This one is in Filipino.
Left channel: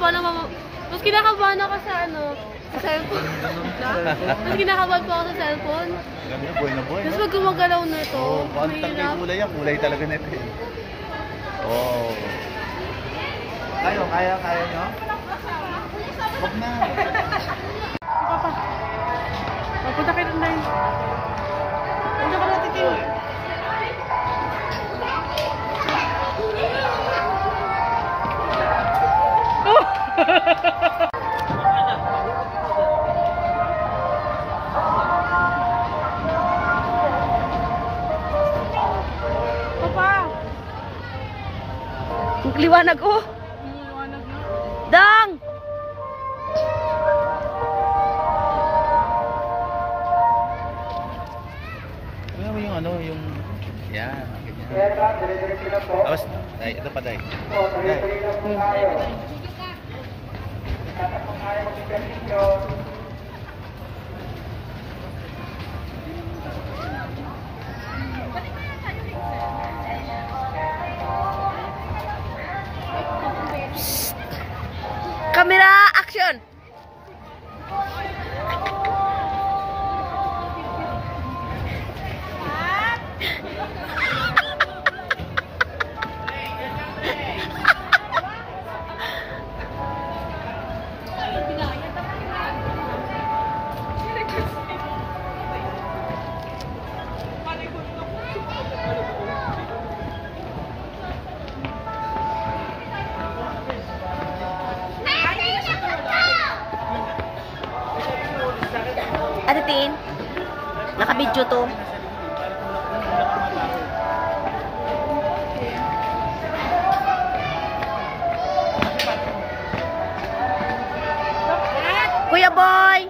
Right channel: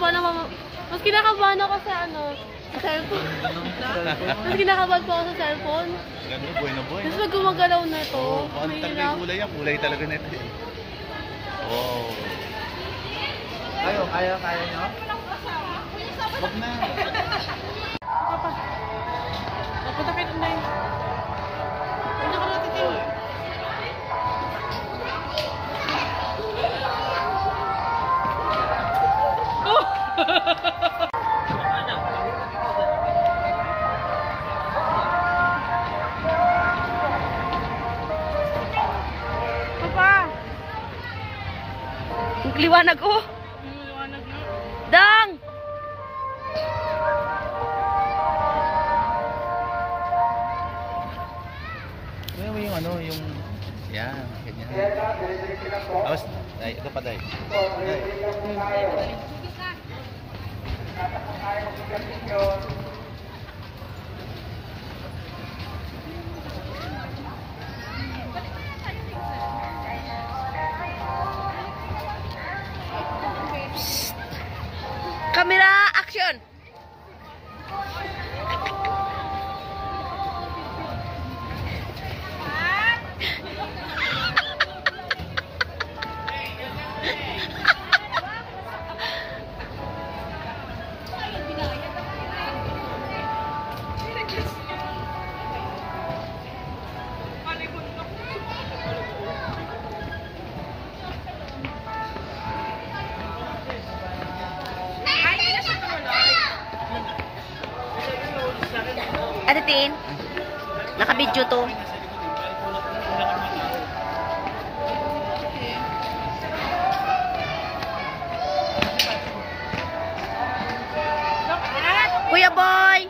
kinakabahan ako. Mas kinakabahan ako sa ano, sa cellphone. Mas kinakabahan po ako sa cellphone. Ganda, buhay na buhay. Tapos pag gumagalaw na to, Oo, kung talaga yung kulay yan, kulay talaga na ito. Oo. Kaya nyo? Wag na. Punta kayo doon. Punta ka natin doon. Liwanag oh. Liwanag na. Dang! Ano yung ano, yung... Yan, ganyan. Tapos, ay, ito pa, Day. Camera action. Ate Tin, naka-video to. Kuya Boy!